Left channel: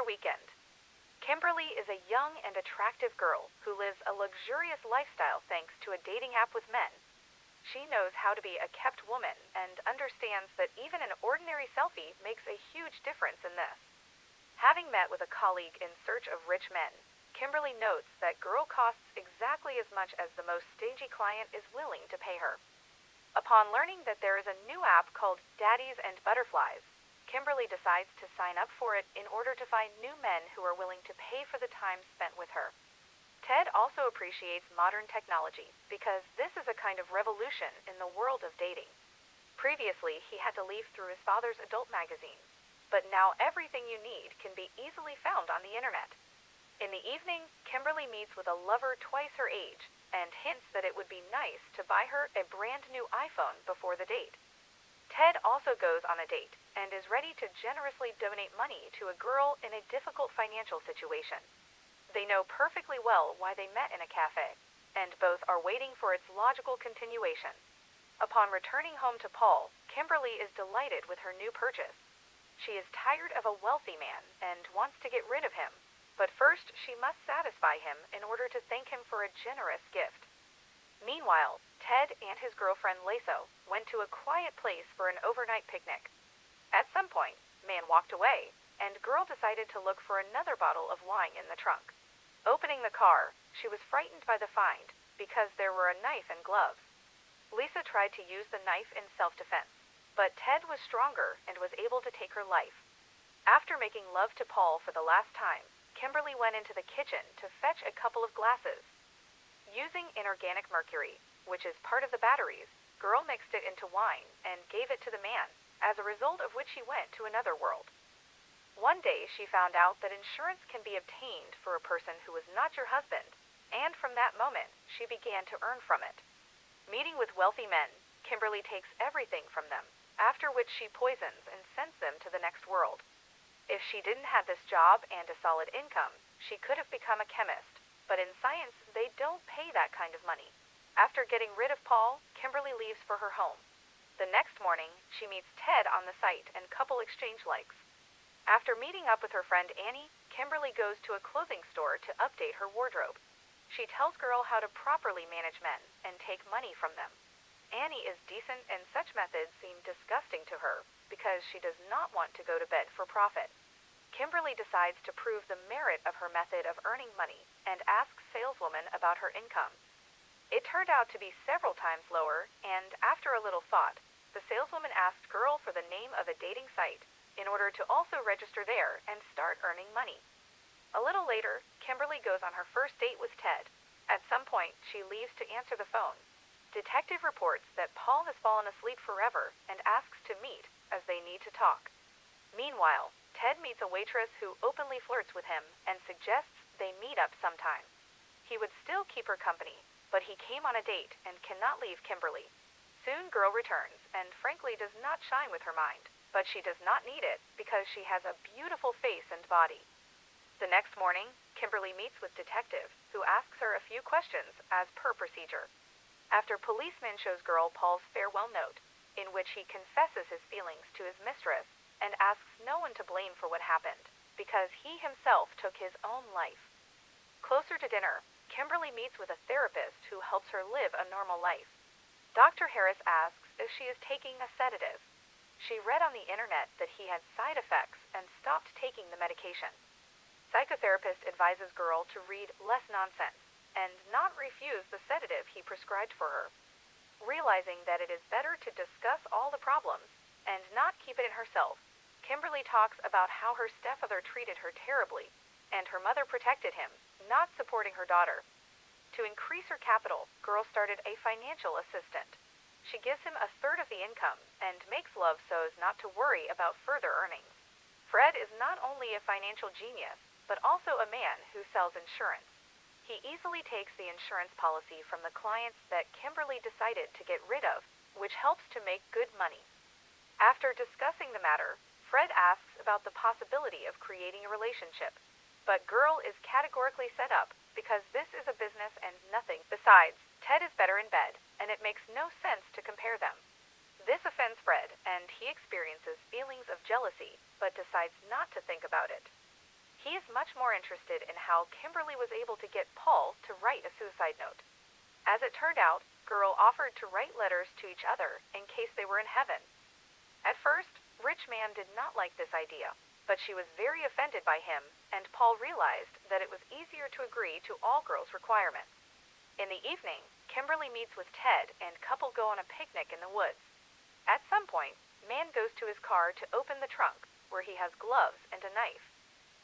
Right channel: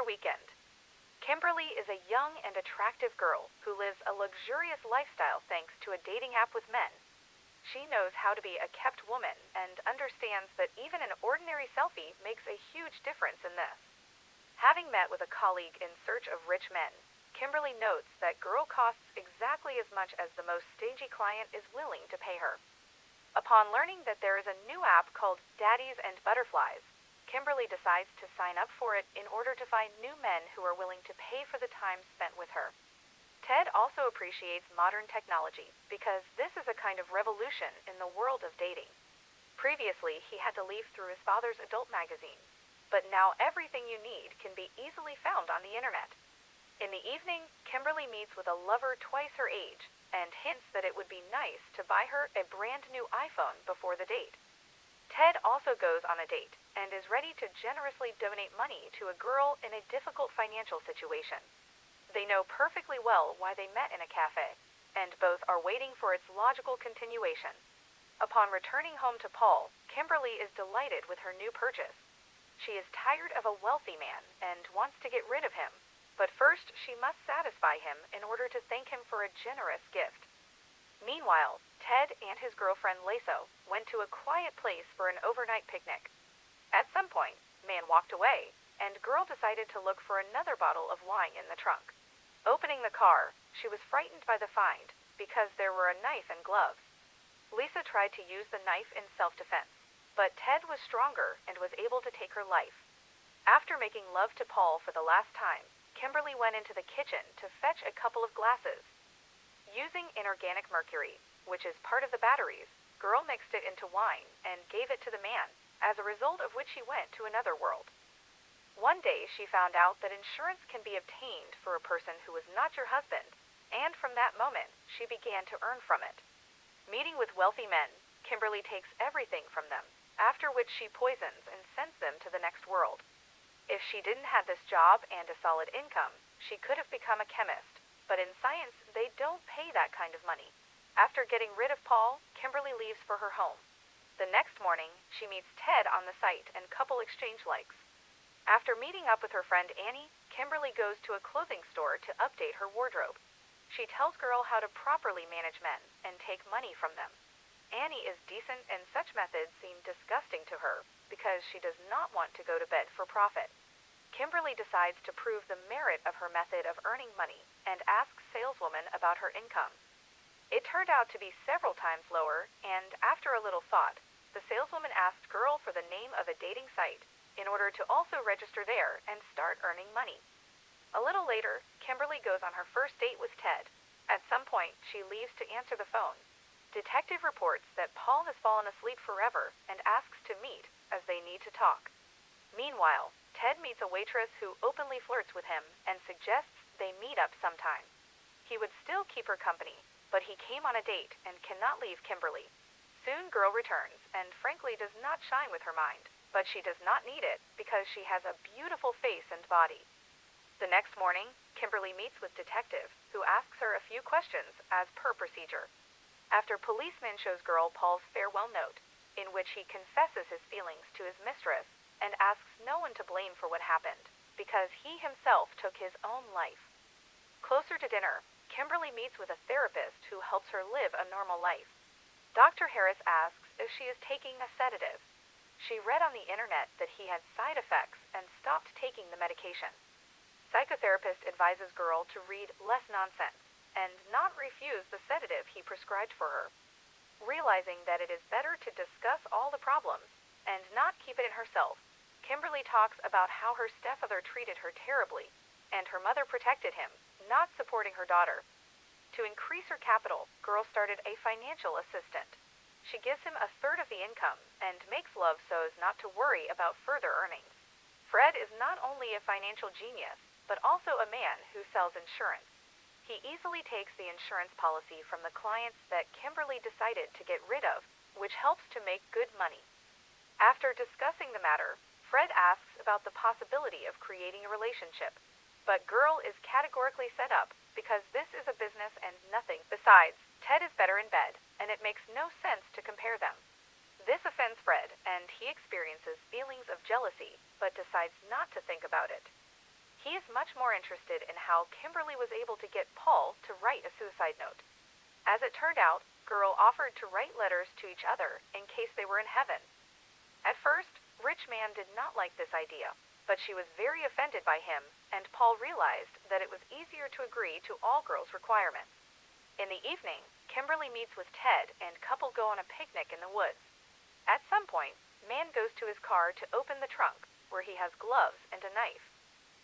Bachelor weekend. Kimberly is a young and attractive girl who lives a luxurious lifestyle thanks to a dating app with men. She knows how to be a kept woman and understands that even an ordinary selfie makes a huge difference in this. Having met with a colleague in search of rich men, Kimberly notes that girl costs exactly as much as the most stingy client is willing to pay her. Upon learning that there is a new app called Daddies and Butterflies, Kimberly decides to sign up for it in order to find new men who are willing to pay for the time spent with her. Ted also appreciates modern technology because this is a kind of revolution in the world of dating. Previously, he had to leaf through his father's adult magazines, but now everything you need can be easily found on the internet. In the evening, Kimberly meets with a lover twice her age and hints that it would be nice to buy her a brand new iPhone before the date. Ted also goes on a date and is ready to generously donate money to a girl in a difficult financial situation. They know perfectly well why they met in a cafe, and both are waiting for its logical continuation. Upon returning home to Paul, Kimberly is delighted with her new purchase. She is tired of a wealthy man and wants to get rid of him, but first she must satisfy him in order to thank him for a generous gift. Meanwhile, Ted and his girlfriend Laso went to a quiet place for an overnight picnic. At some point, man walked away, and girl decided to look for another bottle of wine in the trunk. Opening the car, she was frightened by the find because there were a knife and gloves. Lisa tried to use the knife in self-defense, but Ted was stronger and was able to take her life. After making love to Paul for the last time, Kimberly went into the kitchen to fetch a couple of glasses. Using inorganic mercury, which is part of the batteries, girl mixed it into wine and gave it to the man, as a result of which she went to another world. One day she found out that insurance can be obtained for a person who was not your husband, and from that moment she began to earn from it. Meeting with wealthy men, Kimberly takes everything from them, after which she poisons and sends them to the next world. If she didn't have this job and a solid income, she could have become a chemist, but in science they don't pay that kind of money. After getting rid of Paul, Kimberly leaves for her home. The next morning, she meets Ted on the site and couple exchange likes. After meeting up with her friend Annie, Kimberly goes to a clothing store to update her wardrobe. She tells girl how to properly manage men and take money from them. Annie is decent and such methods seem disgusting to her because she does not want to go to bed for profit. Kimberly decides to prove the merit of her method of earning money and asks saleswoman about her income. It turned out to be several times lower, and after a little thought, the saleswoman asked girl for the name of a dating site in order to also register there and start earning money. A little later, Kimberly goes on her first date with Ted. At some point, she leaves to answer the phone. Detective reports that Paul has fallen asleep forever and asks to meet as they need to talk. Meanwhile, Ted meets a waitress who openly flirts with him and suggests they meet up sometime. He would still keep her company, but he came on a date and cannot leave Kimberly. Soon girl returns and frankly does not shine with her mind, but she does not need it because she has a beautiful face and body. The next morning, Kimberly meets with detective, who asks her a few questions as per procedure. After policeman shows girl Paul's farewell note, in which he confesses his feelings to his mistress and asks no one to blame for what happened, because he himself took his own life. Closer to dinner, Kimberly meets with a therapist who helps her live a normal life. Dr. Harris asks if she is taking a sedative. She read on the internet that he had side effects and stopped taking the medication. Psychotherapist advises girl to read less nonsense and not refuse the sedative he prescribed for her. Realizing that it is better to discuss all the problems and not keep it in herself, Kimberly talks about how her stepmother treated her terribly and her mother protected him, not supporting her daughter. To increase her capital, girl started a financial assistant. She gives him a third of the income and makes love so as not to worry about further earnings. Fred is not only a financial genius, but also a man who sells insurance. He easily takes the insurance policy from the clients that Kimberly decided to get rid of, which helps to make good money. After discussing the matter, Fred asks about the possibility of creating a relationship, but girl is categorically set up because this is a business and nothing. Besides, Ted is better in bed, and it makes no sense to compare them. This offends Fred, and he experiences feelings of jealousy, but decides not to think about it. is much more interested in how Kimberly was able to get Paul to write a suicide note. As it turned out, Girl offered to write letters to each other in case they were in heaven. At first, Rich Man did not like this idea, but she was very offended by him, and Paul realized that it was easier to agree to all Girl's requirements. In the evening, Kimberly meets with Ted and couple go on a picnic in the woods. At some point, Man goes to his car to open the trunk, where he has gloves and a knife.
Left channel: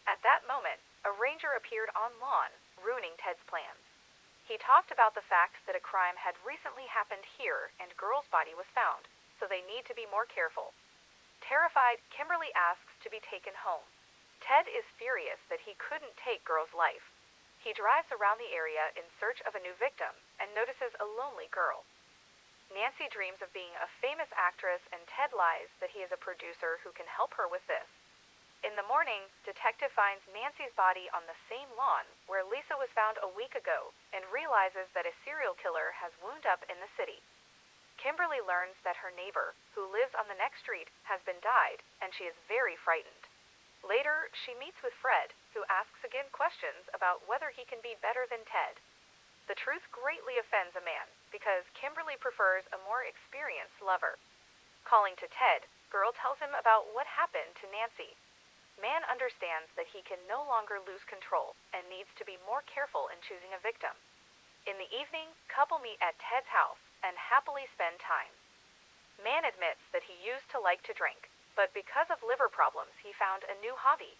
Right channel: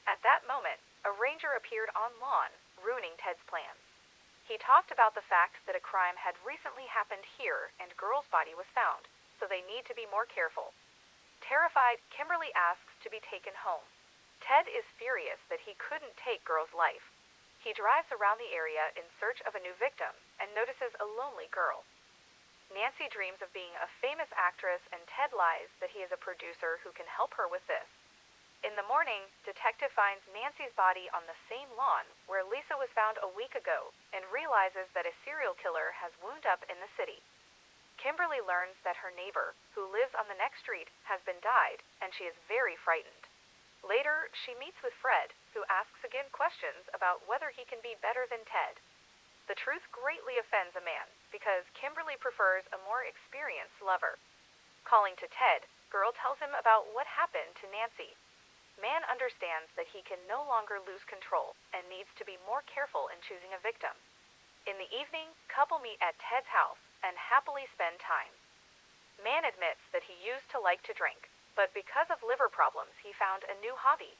At that moment, a ranger appeared on lawn, ruining Ted's plans. He talked about the fact that a crime had recently happened here and Girl's body was found, so they need to be more careful. Terrified, Kimberly asks to be taken home. Ted is furious that he couldn't take Girl's life. He drives around the area in search of a new victim and notices a lonely girl. Nancy dreams of being a famous actress, and Ted lies that he is a producer who can help her with this. In the morning, Detective finds Nancy's body on the same lawn where Lisa was found a week ago and realizes that a serial killer has wound up in the city. Kimberly learns that her neighbor, who lives on the next street, has been died, and she is very frightened. Later, she meets with Fred, who asks again questions about whether he can be better than Ted. The truth greatly offends a man, because Kimberly prefers a more experienced lover. Calling to Ted, Girl tells him about what happened to Nancy. Man understands that he can no longer lose control and needs to be more careful in choosing a victim. In the evening, couple meet at Ted's house and happily spend time. Man admits that he used to like to drink, but because of liver problems, he found a new hobby.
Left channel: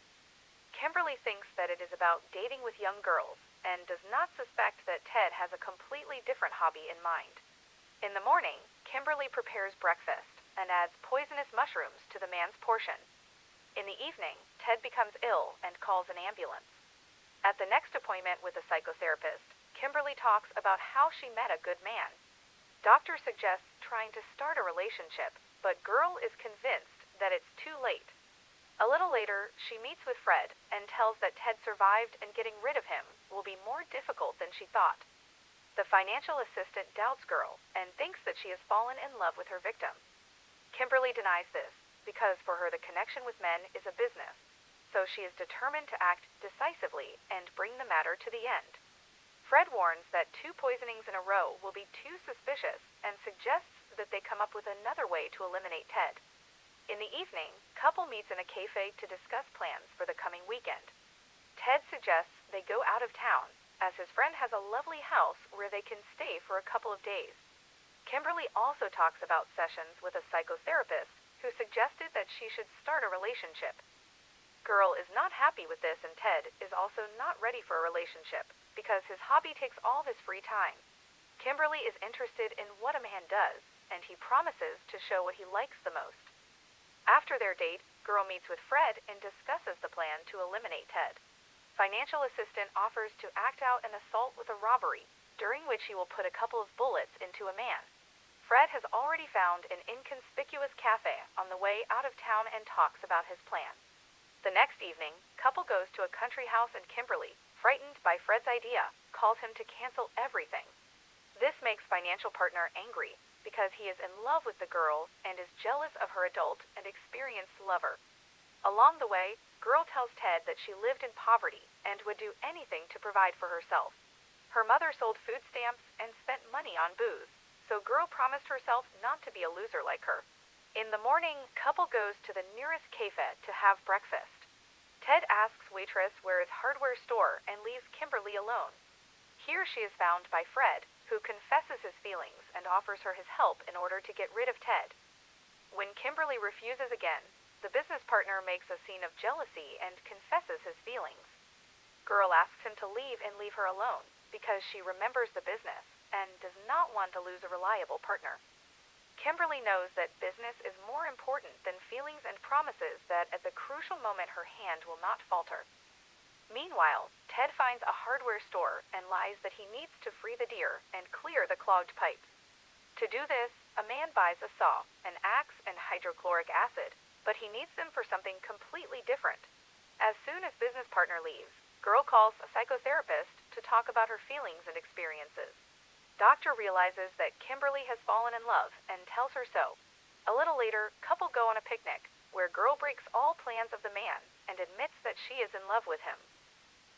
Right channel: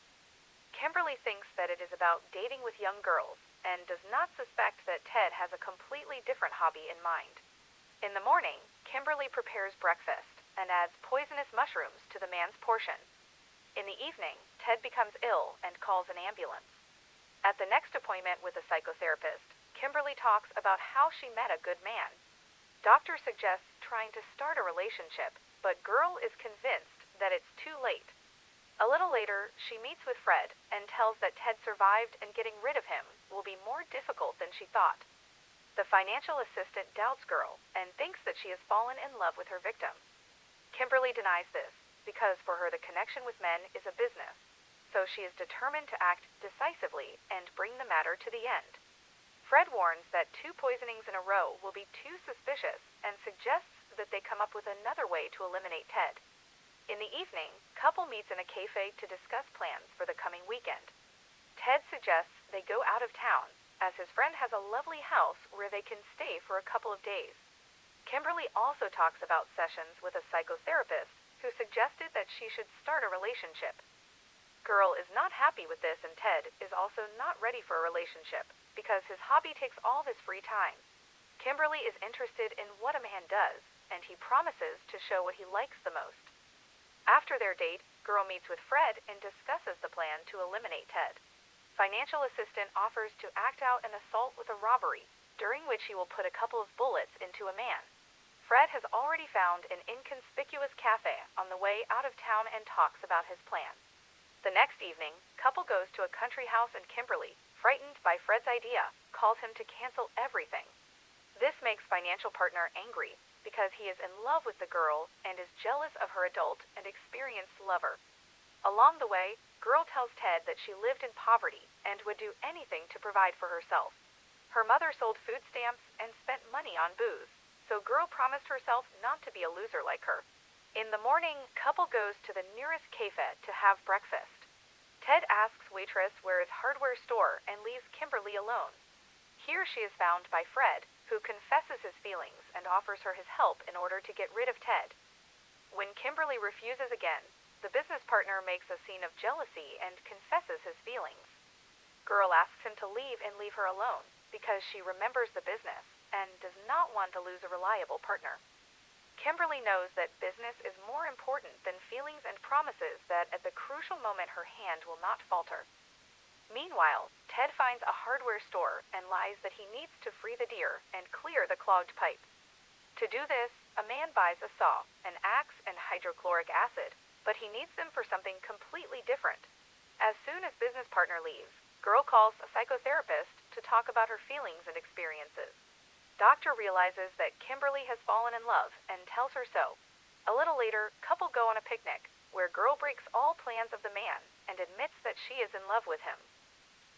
Kimberly thinks that it is about dating with young girls and does not suspect that Ted has a completely different hobby in mind. In the morning, Kimberly prepares breakfast and adds poisonous mushrooms to the man's portion. In the evening, Ted becomes ill and calls an ambulance. At the next appointment with a psychotherapist, Kimberly talks about how she met a good man. Doctor suggests trying to start a relationship, but Girl is convinced that it's too late. A little later, she meets with Fred and tells that Ted survived and getting rid of him will be more difficult than she thought. The financial assistant doubts Girl and thinks that she has fallen in love with her victim. Kimberly denies this because for her the connection with men is a business, so she is determined to act decisively and bring the matter to the end. Fred warns that 2 poisonings in a row will be too suspicious and suggests that they come up with another way to eliminate Ted. In the evening, couple meets in a cafe to discuss plans for the coming weekend. Ted suggests they go out of town, as his friend has a lovely house where they can stay for a couple of days. Kimberly also talks about sessions with a psychotherapist who suggested that she should start a relationship. Girl is not happy with this, and Ted is also not ready for a relationship because his hobby takes all of his free time. Kimberly is interested in what a man does, and he promises to show what he likes the most. After their date, Girl meets with Fred and discusses the plan to eliminate Ted. Financial assistant offers to act out an assault with a robbery, during which he will put a couple of bullets into a man. Fred has already found an inconspicuous cafe on the way out of town and talks about his plan. The next evening, couple goes to a country house, and Kimberly, frightened by Fred's idea, calls him to cancel everything. This makes financial partner angry because he is in love with the girl and is jealous of her adult and experienced lover. Along the way, Girl tells Ted that she lived in poverty and would do anything to provide for herself. Her mother sold food stamps and spent money on booze, so Girl promised herself not to be a loser like her. In the morning, couple goes to the nearest cafe to have breakfast. Ted asks waitress where is hardware store and leaves Kimberly alone. Here she is found by Fred, who confesses his feelings and offers her his help in order to get rid of Ted. When Kimberly refuses again, the business partner makes a scene of jealousy and confesses his feelings. Girl asks him to leave and leave her alone because she remembers the business and does not want to lose a reliable partner. Kimberly knows that business is more important than feelings and promises that at the crucial moment her hand will not falter. Meanwhile, Ted finds a hardware store and lies that he needs to free the deer and clear the clogged pipes. To do this, a man buys a saw, an axe, and hydrochloric acid, but he needs them for something completely different. As soon as business partner leaves, Girl calls a psychotherapist to talk about her feelings and experiences. Doctor realizes that Kimberly has fallen in love and tells her so. A little later, couple go on a picnic, where Girl breaks all plans of the man and admits that she is in love with him.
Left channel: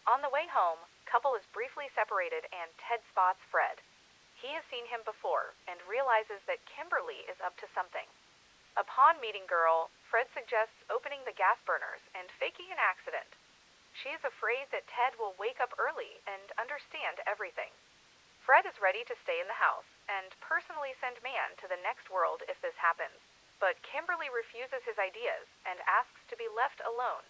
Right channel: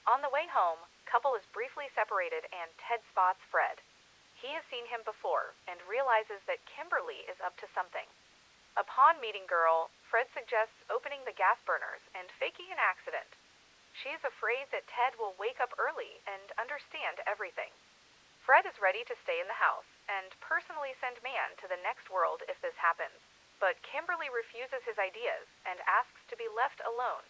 On the way home, couple is briefly separated and Ted spots Fred. He has seen him before and realizes that Kimberly is up to something. Upon meeting girl, Fred suggests opening the gas burners and faking an accident. She is afraid that Ted will wake up early and understand everything. Fred is ready to stay in the house and personally send Man to the next world if this happens, but Kimberly refuses his ideas and asks to be left alone.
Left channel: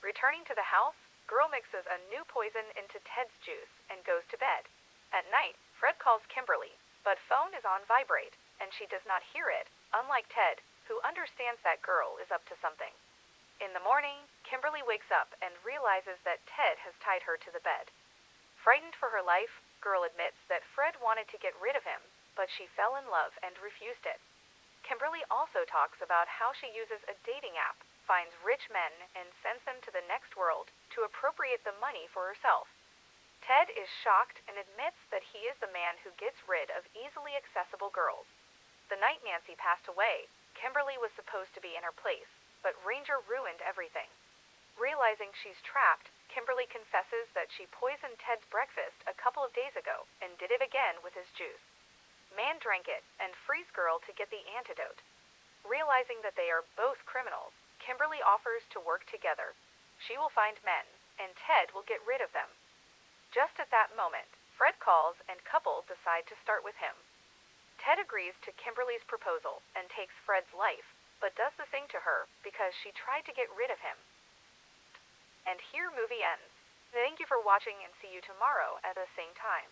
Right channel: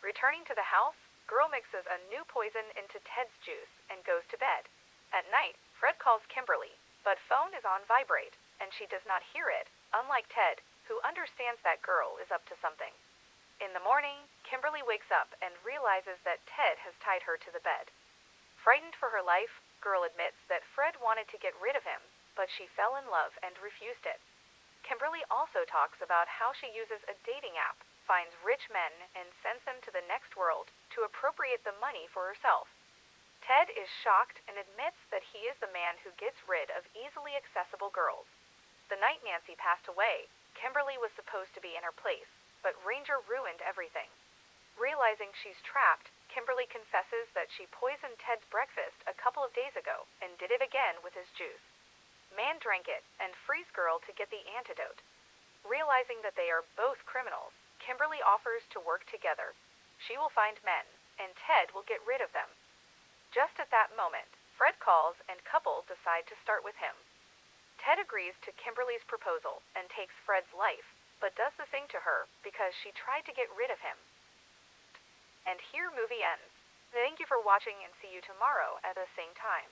Returning to the house, girl mixes a new poison into Ted's juice and goes to bed. At night, Fred calls Kimberly, but phone is on vibrate, and she does not hear it, unlike Ted, who understands that girl is up to something. In the morning, Kimberly wakes up and realizes that Ted has tied her to the bed. Frightened for her life, girl admits that Fred wanted to get rid of him, but she fell in love and refused it. Kimberly also talks about how she uses a dating app, finds rich men, and sends them to the next world to appropriate the money for herself. Ted is shocked and admits that he is the man who gets rid of easily accessible girls. The night Nancy passed away, Kimberly was supposed to be in her place, but Ranger ruined everything. Realizing she's trapped, Kimberly confesses that she poisoned Ted's breakfast a couple of days ago and did it again with his juice. Man drank it and frees girl to get the antidote. Realizing that they are both criminals, Kimberly offers to work together. She will find men, and Ted will get rid of them. Just at that moment, Fred calls and couple decide to start with him. Ted agrees to Kimberly's proposal and takes Fred's life, but does the thing to her because she tried to get rid of him. And here movie ends. Thank you for watching and see you tomorrow at the same time.